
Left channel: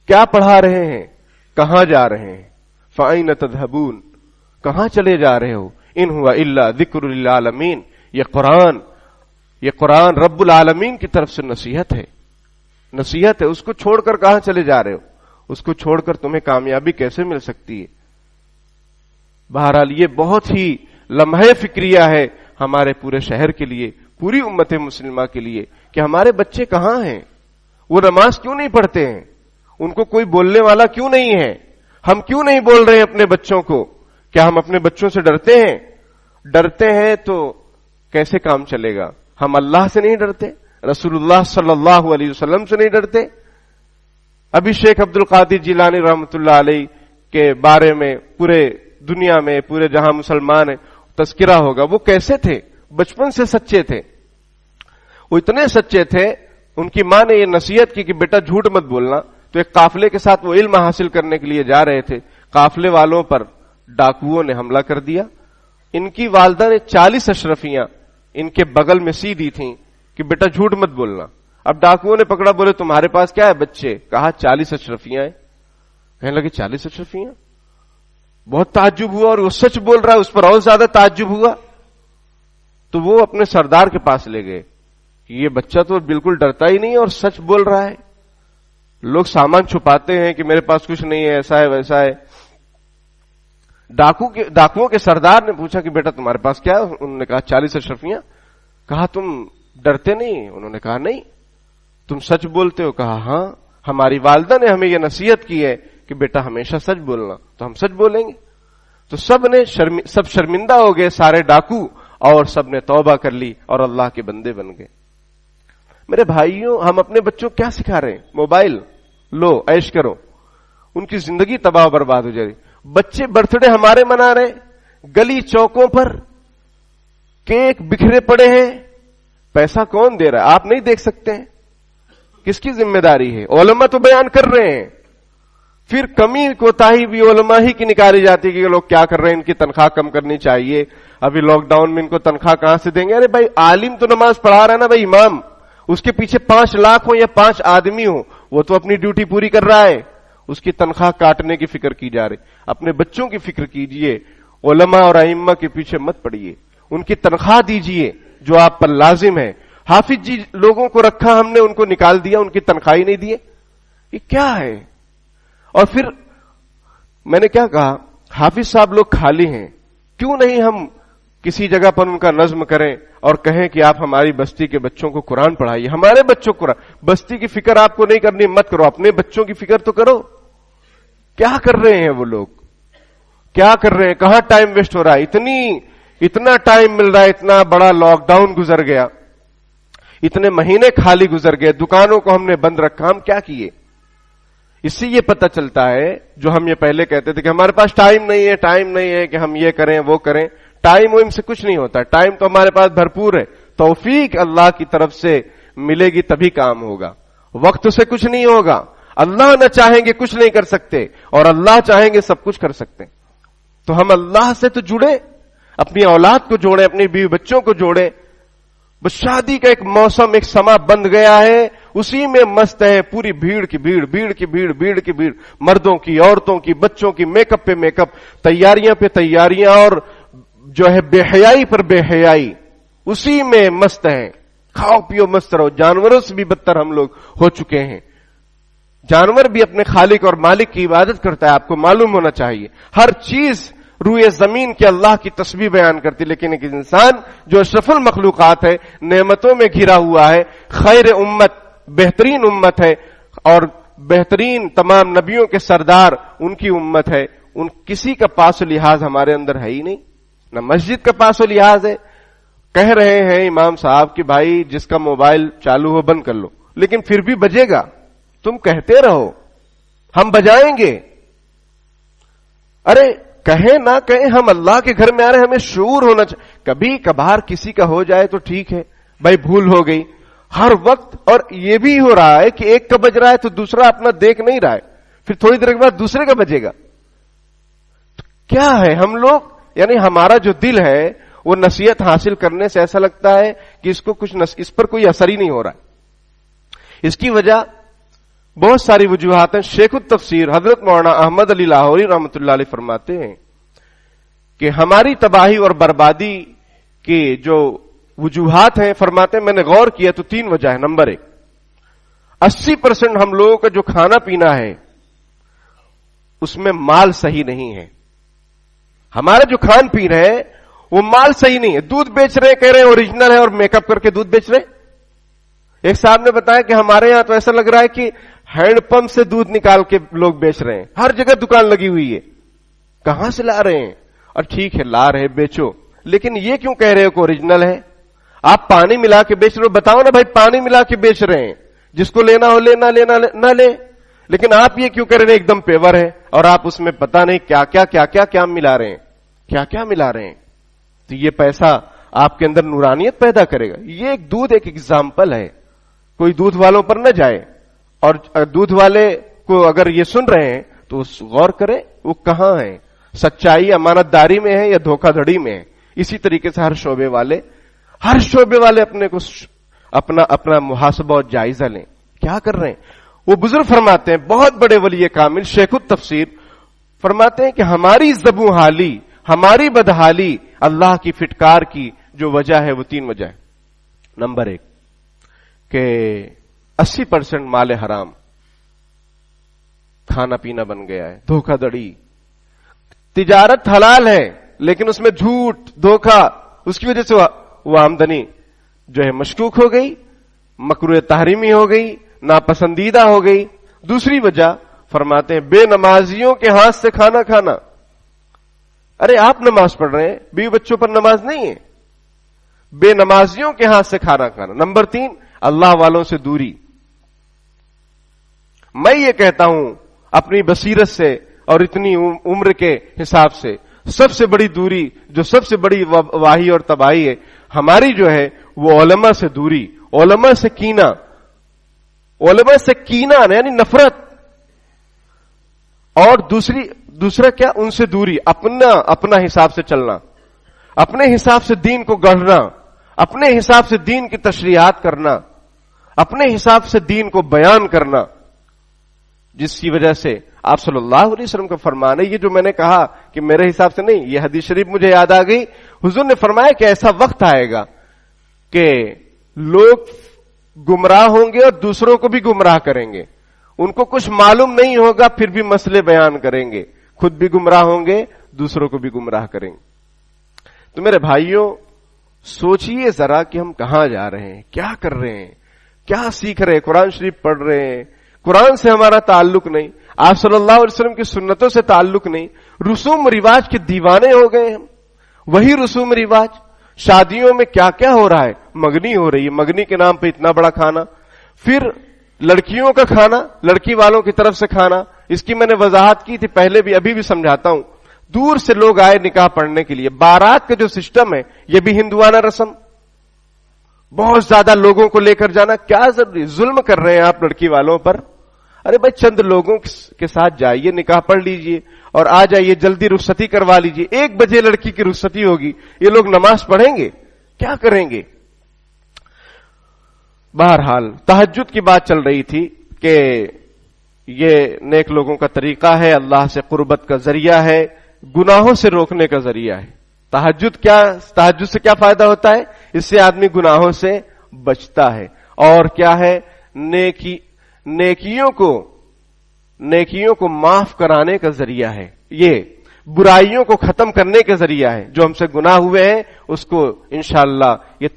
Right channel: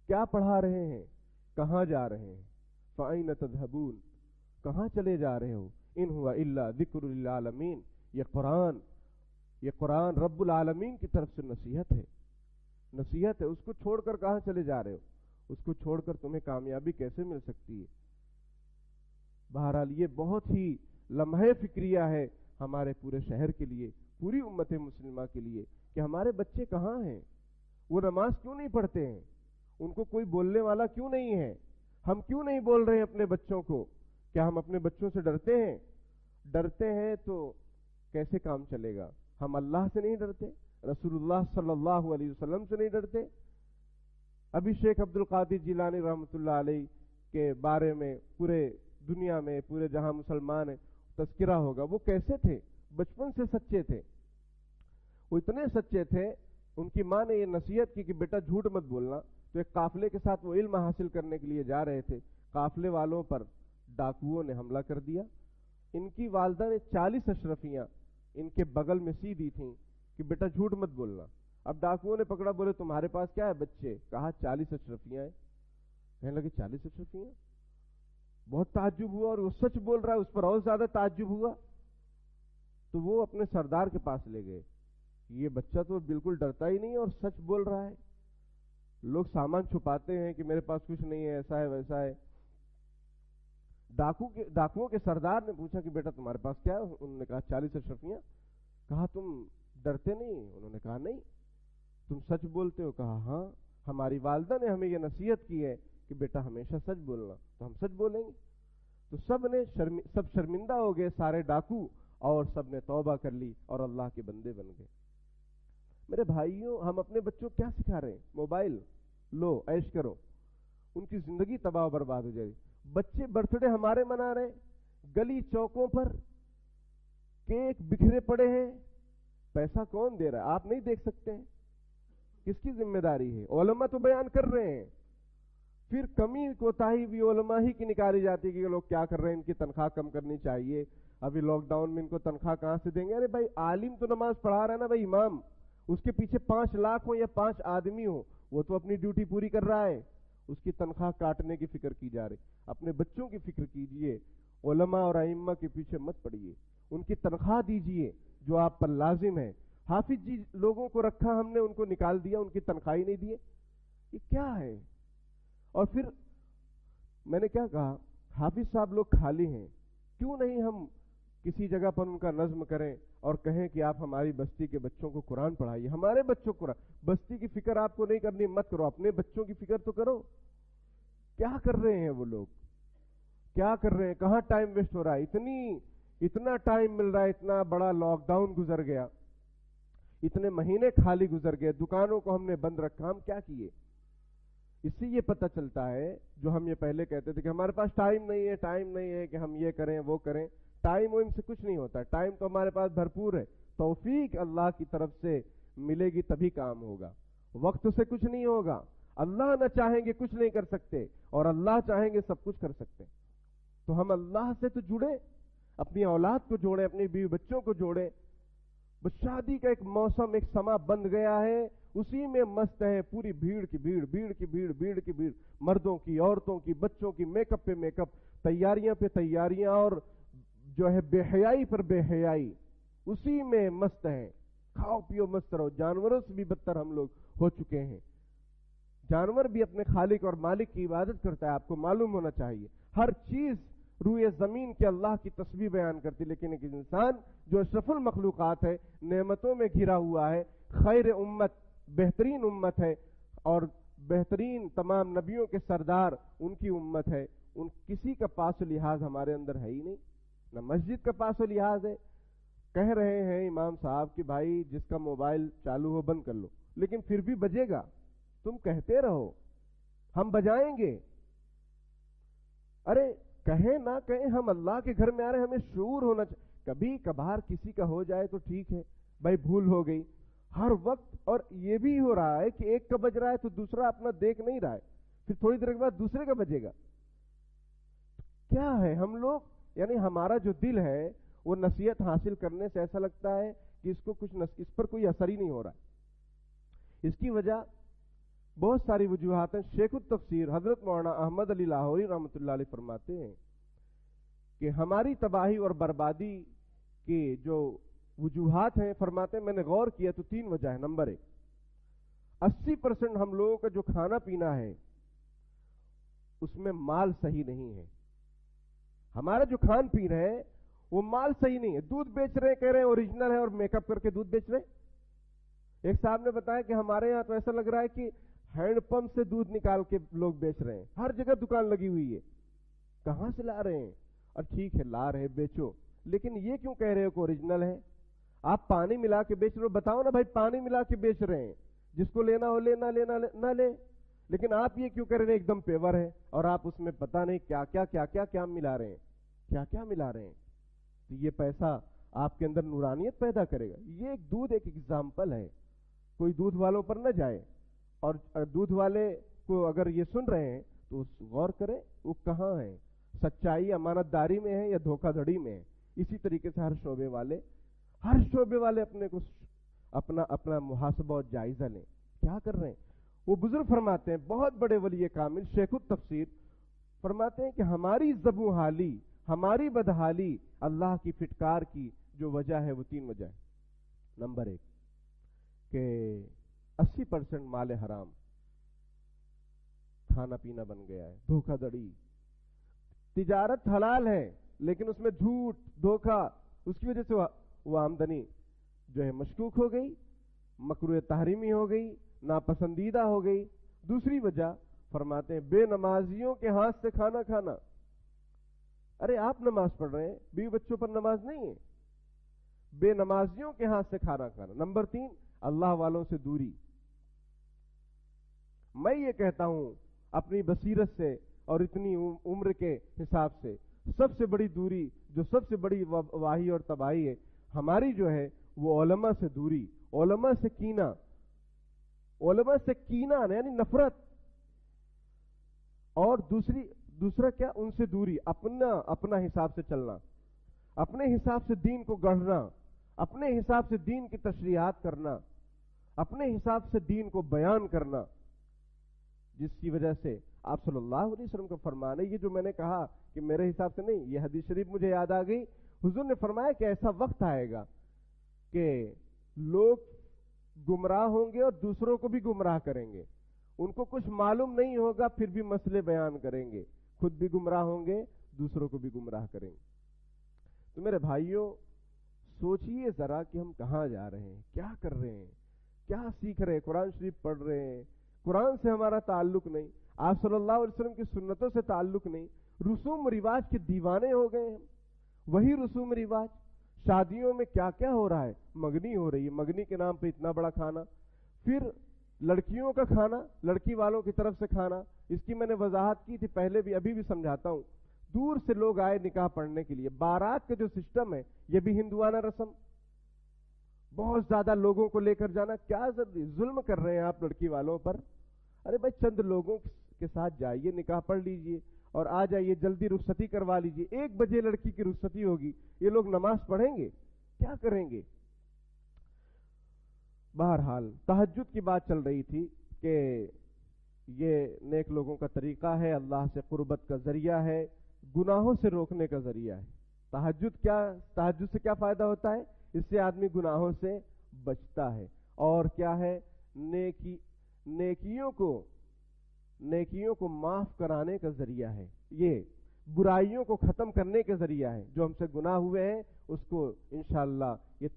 کیا پڑھا رہے ہیں, کہاں جا رہے ہیں؟ فَأَيْنَ تَذْهَبُونَ, کہاں چلے جا رہے ہو؟ ان ہوا الا ذکر للعالمین, یہ قرآن رب العالمین کی طرف سے نصیحت ہے, نصیحت ہے. اس کو چھوڑ کر کہاں چلے جا رہے ہو؟ اس کو چھوڑ کر تمہیں کامیابی کیسے مل سکتی ہے؟ بہرحال یہ بہت ہی لمحہ فکریہ ہے ہمارے پورے شہر کے لیے, پوری امت مسلمہ کے لیے, کہ ہمارے بچے کہاں ہیں, وہ نماز کیوں نہیں پڑھتے ہیں, ان کو کوئی بولنے والا کیوں نہیں ہے, ہم کیوں نہیں بول رہے ہیں اپنے بچوں کو؟ کیا ہم اپنے بچوں سے ڈرتے ہیں؟ ڈرتے ہیں تو کیسے کام چلے گا؟ ہم اللہ سے نہیں ڈرتے, رسول اللہ صلی اللہ علیہ وسلم سے نہیں ڈرتے. ابھی شیخ عبد القادر جیلانی رحمۃ اللہ علیہ کے بارے میں پورے دنیا میں, پورے جہاں مسلمان ہیں, تذکرہ ہوگا. وہ کیسے تھے؟ بچپن سے سچے تھے. وہ اتنے سچے تھے, ان کی ماں نے یہ نصیحت کی کہ بیٹا جھوٹ مت بولنا. تو ایک قافلے کے ساتھ وہ علم حاصل کرنے کے لیے جا رہے تھے, قافلے والوں پر ڈاکوؤں نے حملہ کر دیا. ان کی والدہ نے 40 اشرفیاں ان کے بغل میں سی دی تھیں کہ بیٹا جھوٹ مت بولنا. اب ڈاکوؤں نے پکڑا, بولے تمہارے پاس کیا ہے بچے؟ کہا 40 اشرفیاں ہیں. کہنے لگے 40 اشرفیاں؟ بہت تعجب ہوا, اور وہ سچ بول رہا ہے, اس پر اور زیادہ تعجب ہوا. تو وہ اپنے سردار کے پاس لے گئے کہ یہ بچہ تو بالکل ڈرتا ہی نہیں اور سچ بول رہا ہے. لوگ سامان چھپاتے ہیں کہ میرے پاس کچھ نہیں ہے, ایسا ہے ویسا ہے. ڈاکوؤں کے سردار نے پوچھا کہ بیٹا تمہارے پاس کیا ہے؟ انہوں نے کہا 40 اشرفیاں. کہا تم ڈرتے نہیں؟ انہوں نے کہا نہیں. تم سچ بولتے ہو؟ کہا ہاں, ہماری والدہ نے ہمیں یہ نصیحت کی ہے کہ بیٹا ہمیشہ سچ بولنا, تو ہم سچ بولیں گے. تو سب شرمندہ ہو گئے، سارے ڈاکو، اور سب نے توبہ کر لی اور اللہ کے بندے بن گئے۔ میرے بھائیوں، ہم اپنے بچوں کو کیا سکھا رہے ہیں؟ موبائل لو، عیش کرو، ان کی زندگی تباہ و برباد ہو جائے۔ بچے برتھ ڈے ہمارے منا رہے، گلی چوکوں پر کیک بکھرے پڑے ہیں، پیسہ کون دے رہا ہے؟ آپ نہیں دیکھ سکتے ہیں؟ کس کی ذمہ داری ہے؟ علماء تو بیان کر رہے ہیں، پھر کمی کوتاہی بھی علماء ہی کی نکالی جاتی ہے کہ لوگ کیا کر رہے ہیں، ان کی تنخواہ کم کرنی چاہیے، ابھی لاک ڈاؤن میں ان کو تنخواہ کہاں سے دیں گے؟ ارے بھائی، عالم تو نماز پڑھا رہا ہے نا بھائی، امام، اس کے پیچھے 5 لاکھ ہو یا 5 آدمی ہو، وہ تو اپنی ڈیوٹی پوری کر رہا ہے، اس کی تنخواہ کاٹنے کی فکر کی جا رہی۔ اپنے بچوں کی فکر کیجئے، علماء اور ائمہ کے پیچھے مت پڑیے، ان کی تنخواہ دیجئے جو آپ پر لازم ہے۔ حافظ جی لوگوں کو رکھا ہم نے، ان کو نکال دیا، ان کی تنخواہ ہی نہیں دیے، یہ کیا ہے؟ اور پھر میں نے کیا کہا، حافظ صاحب لوگ خالی ہیں، کیوں نہیں ہم کسی جگہ پر ان کا نظم کریں اور کہیں کہ آپ ہماری بستی کے بچوں کو قرآن پڑھائیے، ہمارے بچوں کو قرآن۔ بستی کی فکر آپ کو نہیں کرنی، مت کرو، اپنے بچوں کی فکر تو کرو۔ کیا کر رہے ہیں وہ لوگ؟ کیا کر رہے ہیں؟ کہاں ٹائم ویسٹ ہو رہا ہے؟ اتنا ٹائم مل رہا ہے، اتنا بڑا لاک ڈاؤن گزر گیا، اتنے مہینے خالی گزر گئے، دکانوں کو ہم نے بند رکھا، ہم کیا کیے؟ اس سے یہ پتہ چلتا ہے جو ہم یہ پہلے کہتے تھے کہ ہمارے پاس ٹائم نہیں ہے کہ ہم یہ کریں وہ کریں، ٹائم وائم سے کچھ نہیں ہوتا، ٹائم تو ہمارے پاس بھرپور ہے، توفیق اللہ کی طرف سے ملے گی تبھی کام ہوگا، وقت سے کچھ نہیں ہوگا۔ اللہ نہ چاہیں گے کچھ نہیں کر سکتے، اور اللہ چاہیں گے سب کچھ کر سکتے۔ تو ہم اللہ سے تو جڑے، اپنی اولاد کو جوڑیں، اپنی بیوی بچوں کو جوڑیں۔ بس شادی کا ایک موسم، ایک سما بند گیا ہے، اسی میں مست ہے، پوری بھیڑ کی بھیڑ، مردوں کی، عورتوں کی، بچوں کی، میک اپ پہ میک اپ، تیاریاں پہ تیاریاں، اور جو ہے بے حیائی پر بے حیائی، اسی میں مست ہیں۔ کھاؤ پیو مست رہو۔ جانوروں سے بھی بدتر ہم لوگ ہو چکے ہیں۔ جانور بھی اپنے خالق اور مالک کی عبادت کرتا ہے، آپ کو معلوم ہونا چاہیے۔ ہر چیز روئے زمین کے اللہ کی تسبیح بیان کرتی، لیکن ایک انسان جو اشرف المخلوقات ہے، نعمتوں میں گھرا ہوا ہے، خیر امت، بہترین امت ہے، اور بہترین تمام نبیوں کے سردار ان کی امت ہے، ان کسی کا پاس و لحاظ ہمارے اندر ہے ہی نہیں، نہ مسجد کا پاس و لحاظ ہے۔ کہہ رہے ہیں امام صاحب کہ بھائی جس کا موبائل چالو ہو بند کر لو، لیکن پھر بھی بجے گا، تم کہتے رہو، ہم بجائیں گے۔ ارے کہیں نہ کہیں، ہم اللہ کے گھر میں آ رہے ہیں، ہمیں شعور ہونا چاہیے۔ کبھی کبھار کسی کا ہو جائے تو ٹھیک ہے بھائی، بھول ہو گئی، ہر وقت۔ اور یہ بھی ہو رہا ہے کہ ایک کا بج رہا ہے تو دوسرا اپنا دیکھ نہیں رہا ہے، پھر تھوڑی دیر کے بعد دوسرے کا بجے گا۔ کیا ہے ہم لوگ، یعنی ہمارا جو دل ہے وہ نصیحت حاصل کرنے سے ایسا لگتا ہے کہ اس پر کوئی اثر ہی نہیں ہو رہا ہے۔ اس کی وجہ بہت ساری وجوہات ہیں۔ شیخ التفسیر حضرت مولانا احمد علی لاہوری رحمۃ اللہ علیہ فرماتے ہیں کہ ہماری تباہی اور بربادی کی جو وجوہات ہیں، فرماتے ہیں میں نے غور کیا تو 3 وجہ ہے۔ نمبر 1، 80% ہم لوگوں کا جو کھانا پینا ہے اس میں مال صحیح نہیں ہے۔ ہمارا جو کھان پین ہے وہ مال صحیح نہیں ہے۔ دودھ بیچ رہے، کہہ رہے ہیں اوریجنل ہے، اور میک اپ کر کے دودھ بیچ رہے۔ ایک صاحب نے بتایا کہ ہمارے یہاں تو ایسا لگ رہا ہے کہ ہینڈ پمپ سے دودھ نکال کے لوگ بیچ رہے ہیں، ہر جگہ دکان لگی ہوئی ہے، کہاں سے لا رہے ہیں؟ اور ٹھیک ہے لا رہے، بیچو، لیکن یہ کیوں کہہ رہے ہو کہ اوریجنل ہے؟ آپ پانی ملا کے بیچ رہے ہو، بتاؤ نا بھائی، پانی ملا کے بیچ رہے ہیں، جس کو لینا ہو لینا نہ لے، لیکن آپ یہ کیوں کہہ رہے ہیں ایک دم پیور ہے، اور آپ اس میں پتہ نہیں کیا ملا رہے ہیں، کیا ملا رہے ہیں۔ تو یہ پیسہ آپ کے اندر نورانیت پیدا کرے گا۔ یہ ایک دودھ ایک ایگزامپل ہے، کوئی دودھ والوں پر نہ جائے، اور دودھ والے کو اگر یہ سن رہے ہیں تو غور کریں وہ کہاں ہیں، سچائی امانت داری میں ہے یا دھوکہ دھڑی میں ہے۔ اسی طریقے سے ہر شعبے والے اپنے کو اپنا محاسبہ اور جائزہ لیں، کیا کر رہے ہیں۔ وہ بزرگ فرماتے ہیں، بہت بڑے ولی کامل شیخ التفسیر فرماتے ہیں کہ ہماری زبوں حالی، ہماری بدحالی اللہ کی فٹکار کی جو وجہ ہے وہ 3 وجہ ہے۔ نمبر 1 کہ 80% مال حرام، کھانا پینا بن گیا ہے، دھوکہ دڑی۔ تجارت حلال ہے لیکن اس میں جھوٹ دھوکہ، اس کی وجہ سے وہ آمدنی جو ہے مشکوک ہو گئی، مکروہ تحریمی ہو گئی، ناپسندیدہ ہو گئی۔ دوسری وجہ فرماتے ہیں بے نمازیوں کے ہاتھ سے کھانا کھانا، ارے آپ نماز پڑھ رہے ہیں، بیوی بچوں پر نماز نہیں ہے. بے نمازیوں کے ہاتھ سے کھانا کھانا. نمبر 3، اللہ والوں سے دوری. میں یہ کہتا ہوں اپنی بصیرت سے اور اتنی عمر کے حساب سے، سب سے بڑی دوری، جو سب سے بڑی واہی اور تباہی ہے ہماری جو ہے، وہ علماء سے دوری، علماء سے کینہ، علماء سے کینہ یعنی نفرت. اور دوسرا کیا؟ ان سے دوری، اپنا حساب سے چلنا، اپنے حساب سے دین کو گڑھنا، اپنے حساب سے دین کی تشریحات کرنا، اپنے حساب سے دین کو بیان کرنا، جس کی وجہ سے آپ صلی اللہ علیہ وسلم کا فرمان ہے. یہ جو میں نے کہا کہ میرے حساب سے نہیں، یہ حدیث شریف مجھے یاد آ گئی. حضور نے فرمایا کہ ایسا وقت آئے گا کہ لوگ گمراہ ہوں گے اور دوسروں کو بھی گمراہ کریں گے. ان کو کچھ معلوم نہیں ہوگا پھر بھی مسئلے بیان کریں گے، خود بھی گمراہ ہوں گے، دوسروں کو بھی گمراہ کریں گے. تو میرے بھائیوں، سوچئے ذرا کہ ہم کہاں جا رہے ہیں، کیا کر رہے ہیں، کیا سیکھ رہے ہیں. قرآن شریف پڑھ رہے ہیں، قرآن سے ہمارا تعلق نہیں، آپ صلی اللہ علیہ وسلم کی سنتوں سے تعلق نہیں، رسوم رواج کے دیوانے ہو گئے ہم. وہی رسوم رواج. شادیوں میں کیا کیا ہو رہا ہے؟ مگنی ہو رہی ہے، مگنی کے نام پہ اتنا بڑا کھانا. پھر لڑکیوں کا کھانا، لڑکی والوں کی طرف سے کھانا. اس کی میں نے وضاحت کی تھی پہلے بھی، ابھی بھی سمجھاتا ہوں. دور سے لوگ آئے نکاح پڑھنے کے لیے، بارات کا جو سسٹم ہے یہ بھی ہندوانہ رسم. بہت زیادہ لوگوں کو لے کر جانا کیا ضروری؟ ظلم کر رہے ہیں آپ لڑکی والوں پر. ارے بھائی چند لوگوں کے ساتھ جائیے، نکاح پڑھ لیجئے اور آ جائیے، جلدی رخصتی کروا لیجئے. 1 بجے لڑکی کی رخصتی ہوگی، یہ لوگ نماز پڑھیں گے؟ کیا کریں گے؟ بہرحال تہجد کی بات چل رہی تھی کہ یہ نیک لوگوں کا طریقہ ہے، اللہ سے قربت کا ذریعہ ہے، گناہوں سے روکنے کا ذریعہ ہے. تہجد سے کیا فائدہ ہوتا ہے؟ اس سے آدمی گناہوں سے بچتا ہے. اور کیا ہے؟ نیکیوں کو معاف کرانے کا ذریعہ ہے. یہ برائیوں کو ختم کرنے کا ذریعہ ہے. جو ہم سے گناہ ہوئے ہیں اس کو انشاءاللہ یہ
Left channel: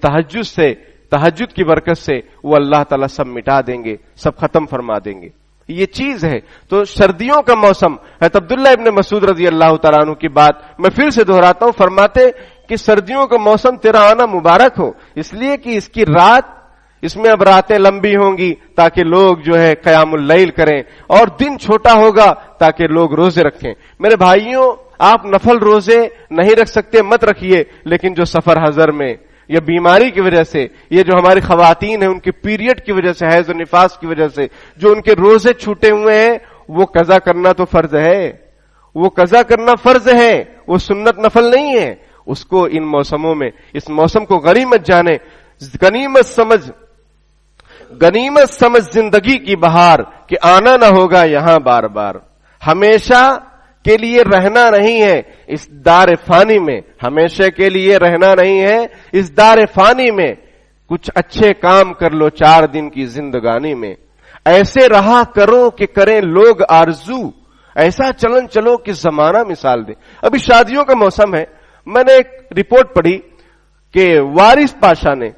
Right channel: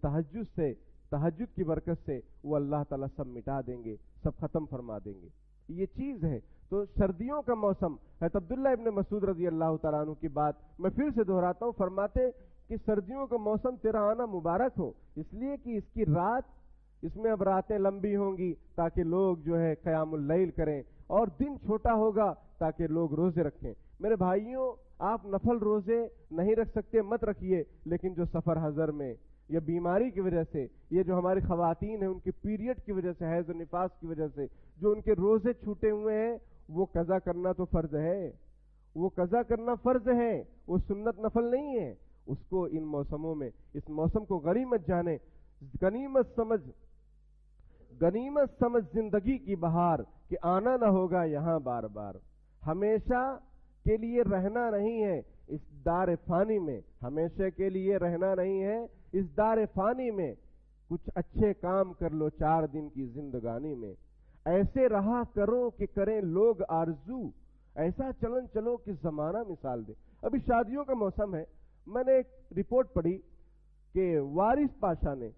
تہجد کی برکت سے وہ اللہ تعالیٰ سب مٹا دیں گے، سب ختم فرما دیں گے. یہ چیز ہے. تو سردیوں کا موسم، حضرت عبداللہ ابن مسعود رضی اللہ تعالیٰ عنہ کی بات میں پھر سے دہراتا ہوں، فرماتے کہ سردیوں کا موسم تیرا آنا مبارک ہو، اس لیے کہ اس کی رات، اس میں اب راتیں لمبی ہوں گی تاکہ لوگ جو ہے قیام اللیل کریں، اور دن چھوٹا ہوگا تاکہ لوگ روزے رکھیں. میرے بھائیوں، آپ نفل روزے نہیں رکھ سکتے مت رکھیے، لیکن جو سفر حضر میں یا بیماری کی وجہ سے، یہ جو ہماری خواتین ہیں ان کے پیریڈ کی وجہ سے، حیض و نفاس کی وجہ سے جو ان کے روزے چھوٹے ہوئے ہیں، وہ قضا کرنا تو فرض ہے، وہ قضا کرنا فرض ہے، وہ سنت نفل نہیں ہے. اس کو ان موسموں میں، اس موسم کو غنیمت جانے، غنیمت سمجھ زندگی کی بہار کہ آنا نہ ہوگا یہاں بار بار. ہمیشہ کے لیے رہنا نہیں ہے اس دار فانی میں، ہمیشہ کے لیے رہنا نہیں ہے اس دار فانی میں. کچھ اچھے کام کر لو 4 دن کی زندگانی میں، ایسے رہا کرو کہ کریں لوگ آرزو، ایسا چلن چلو کہ زمانہ مثال دے. ابھی شادیوں کا موسم ہے. میں نے ایک رپورٹ پڑھی کہ وارث پاشا نے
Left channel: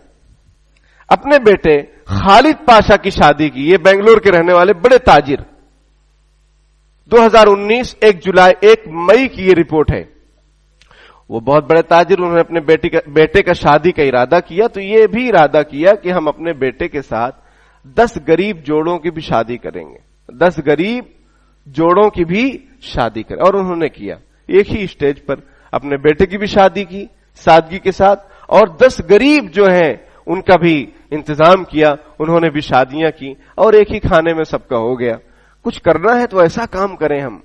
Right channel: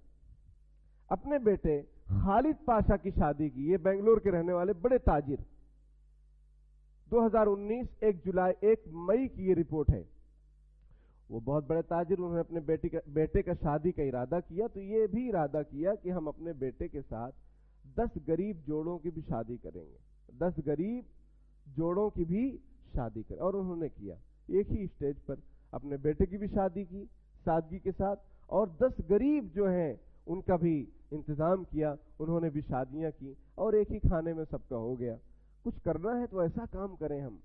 اپنے بیٹے خالد پاشا کی شادی کی. یہ بنگلور کے رہنے والے بڑے تاجر. 2019 1 مئی کی یہ رپورٹ ہے. وہ بہت بڑے تاجر، انہوں نے اپنے بیٹے کا شادی کا ارادہ کیا، تو یہ بھی ارادہ کیا کہ ہم اپنے بیٹے کے ساتھ 10 غریب جوڑوں کی بھی شادی کریں گے، 10 غریب جوڑوں کی بھی شادی کریں. اور انہوں نے کیا، ایک ہی اسٹیج پر اپنے بیٹے کی بھی شادی کی سادگی کے ساتھ، اور 10 غریب جو ہیں ان کا بھی انتظام کیا، انہوں نے بھی شادیاں کی، اور ایک ہی کھانے میں سب کا ہو گیا. کچھ کرنا ہے تو ایسا کام کریں، ہم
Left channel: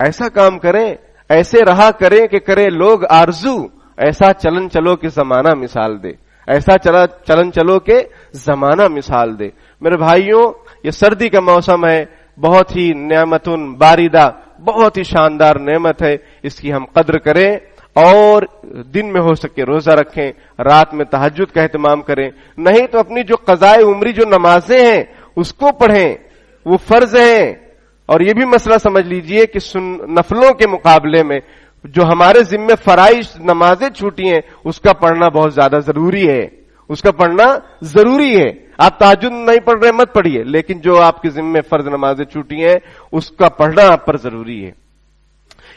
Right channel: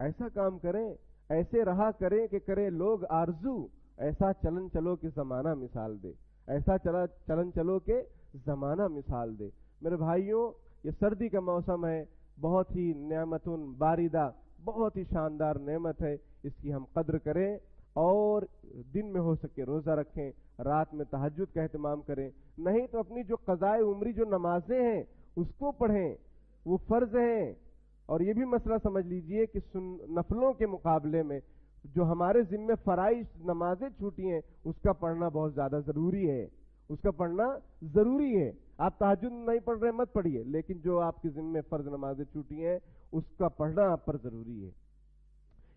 ایسا کام کریں، ایسے رہا کریں کہ کرے لوگ آرزو، ایسا چلن چلو کہ زمانہ مثال دے، ایسا چلن چلو کہ زمانہ مثال دے. میرے بھائیوں، یہ سردی کا موسم ہے، بہت ہی نعمتن باردہ، بہت ہی شاندار نعمت ہے. اس کی ہم قدر کریں، اور دن میں ہو سکے روزہ رکھیں، رات میں تہجد کا اہتمام کریں. نہیں تو اپنی جو قضائے عمری جو نمازیں ہیں اس کو پڑھیں، وہ فرض ہیں. اور یہ بھی مسئلہ سمجھ لیجئے کہ نفلوں کے مقابلے میں جو ہمارے ذمے فرائض نمازیں چھوٹی ہیں اس کا پڑھنا بہت زیادہ ضروری ہے، اس کا پڑھنا ضروری ہے. آپ تہجد نہیں پڑھ رہے مت پڑھیے، لیکن جو آپ کے ذمے فرض نمازیں چھوٹی ہیں اس کا پڑھنا آپ پر ضروری ہے.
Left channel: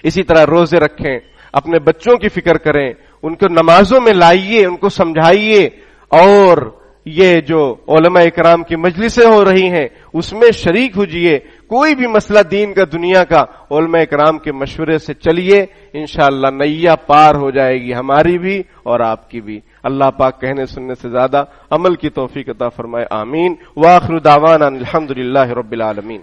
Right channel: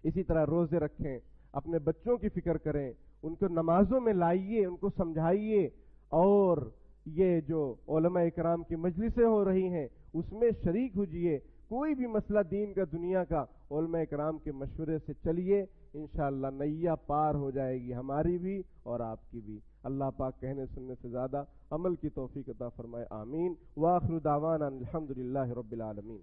اسی طرح روزے رکھیں. اپنے بچوں کی فکر کریں، ان کو نمازوں میں لائیے، ان کو سمجھائیے، اور یہ جو علماء اکرام کی مجلسیں ہو رہی ہیں اس میں شریک ہوجئے، کوئی بھی مسئلہ دین کا دنیا کا علماء اکرام کے مشورے سے چلیے، انشاءاللہ نیا پار ہو جائے گی، ہماری بھی اور آپ کی بھی۔ اللہ پاک کہنے سننے سے زیادہ عمل کی توفیق عطا فرمائے، آمین۔ وآخر دعوانا الحمدللہ رب العالمین۔